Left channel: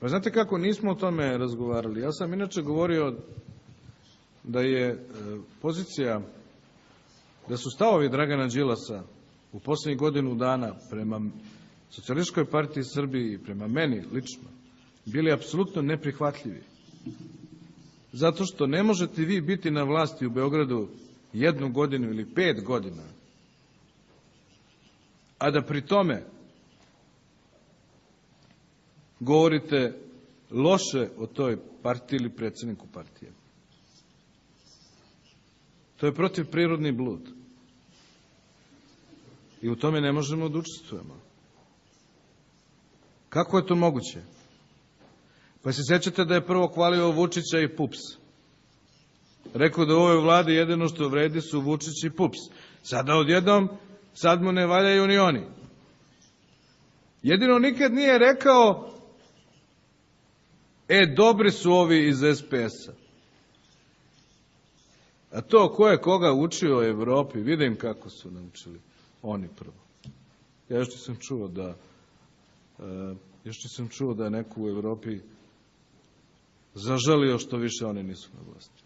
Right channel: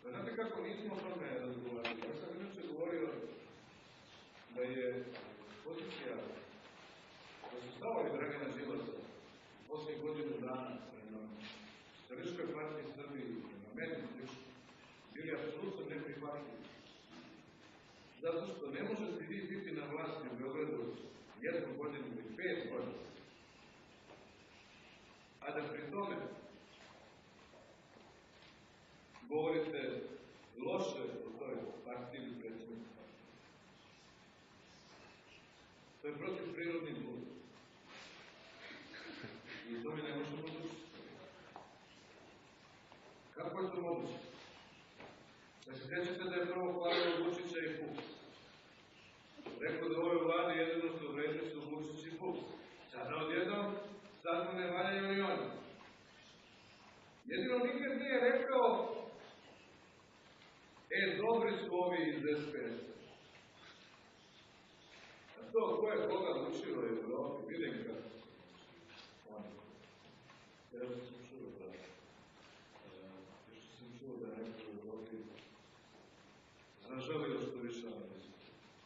Pa znate kako, nismo o tome razgovarali. Ja sam inače govorio da je pozicija, da su stavovi Dragana Đilasa u poslednjih godinu dana prema Socijalističkoj partiji Srbiji i prema meni lično bili apsolutno neprihvatljivi. Zato što ne možete vi biti na vlasti u Beogradu 1 godinu ili 5 godina, a da pri tome govorite loše o toj partiji ili predsedniku partije. To je protivprirodni blud. I u tome ne možemo da učestvujemo. Kako je to moguće? Pa se sećate da je prvo hvalio Vučića i PUPS. Rekao da u ovoj vladi jedino što vredi su Vučić i PUPS. Sada odjednom, sad mu ne valjaju ni oni. Jedino nikad nije rekao, dobri su ovi iz SPS-a. A to ko je koga učio u Evropi, vidim kako su naučili oni prvo. Ja još nisam čuo da je neko u Evropi zažalio što više oni nisu na vlasti.